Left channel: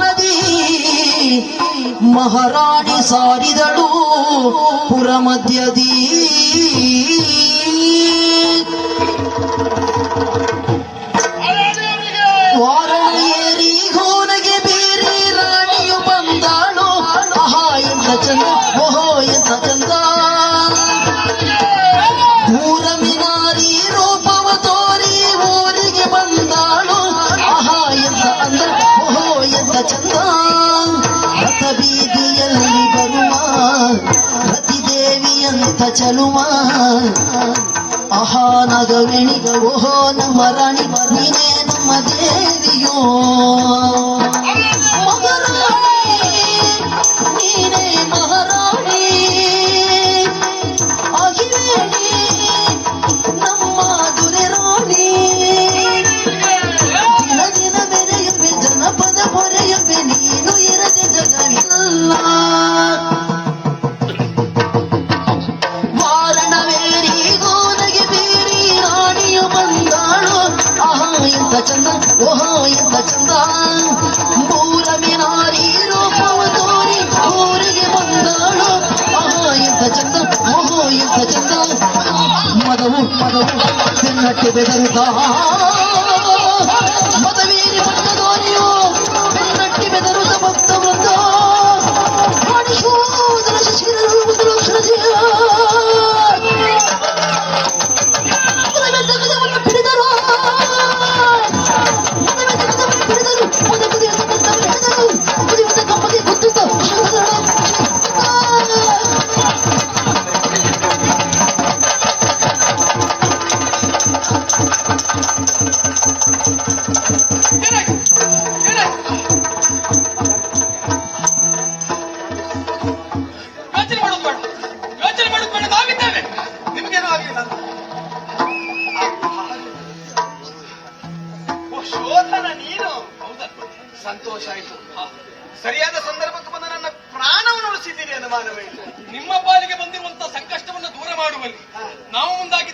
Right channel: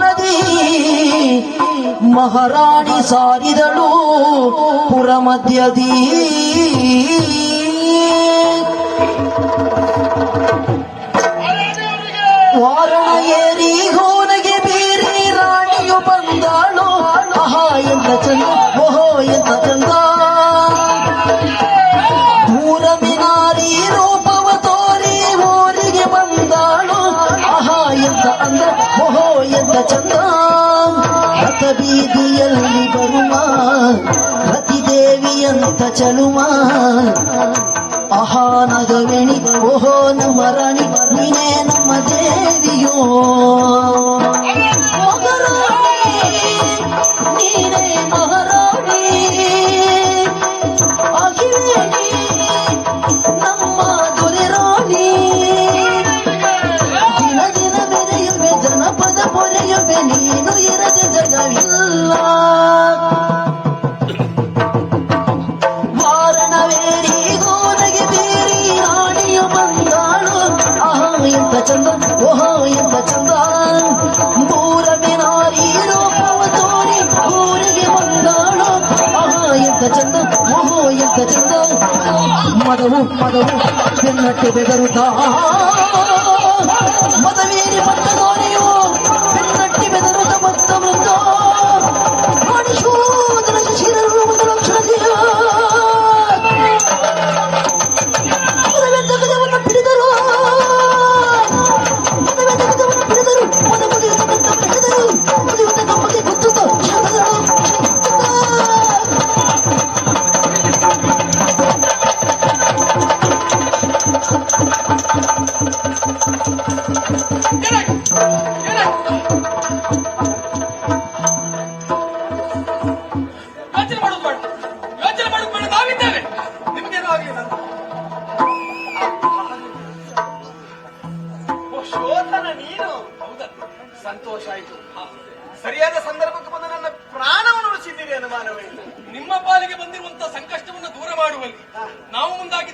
ನದಿ ಮಹಾರಾಣಿ ಸಾರಿದಳು ಪುರ ಮಧ್ಯದಿ ವಾರಣ ಏರಿ ಗೋನಗೆ ಬೀರಿ ರಾಣಿಯು ಬಂದಾಳು ಆಹಾ ಎಂತ ಚಂದ ಓಹೋ ಚಂದ ರಥ ಬೀದಿಯಲ್ಲಿ ಬರುವ ರತಿದೇವಿಯಂತ ಚಲುಮ ಮಹಾನಗರಣಿ ಓಹೋ ನಮ್ಮ ರಾಣಿ ನೀನೇ ನಮ್ಮ ದೇವಿಯೋ ಆಹಾ ಎಂತ ಚಂದ ಓಹೋ ಎಂತ ಚಂದ ಮೂರ ಮಿನಾರಿ ರೂಪವ ತೋರಿ ಊರಿಗೆ ಬಂದಾಳು ಆಹಾ ಎಂತ ಚಂದ ಓಹೋ ಎಂತ ಚಂದ ಮದವು ಮದವು ಬೆನ್ನಕ್ಕೆ ಬೆದರುತ್ತಾ ಯೋಚನೆ ಮಾಡೋದು ಬೇಡ ಯೋಚನೆ ಮಾಡೋದು ಬೇಡ ನಾವಿದ್ದೇವೆ ನಿಮಗೇನೂ ಆಗಲಿಲ್ಲ ಶೋಧನ ನೀನು. ಹೌದಾ? ಸಂತೋಷ ಆಯ್ತು. ಸರಿಯಾದ ಸಂದರ್ಭಕ್ಕೆ ಬಂದ ನನ್ನ ಪ್ರಾಣವನ್ನು ಉಳಿಸಿದ್ದೀರಿ ಅನುಮಾನವೇ ನಿಮ್ಮ ಪಾಲಿಗೆ ಬಂದಿರುವಂತಹ ಸಂಕಷ್ಟವನ್ನು ದೂರ ಮಾಡುವಲ್ಲಿ ನಾವು ಮುಂದಾಗಿದ್ದು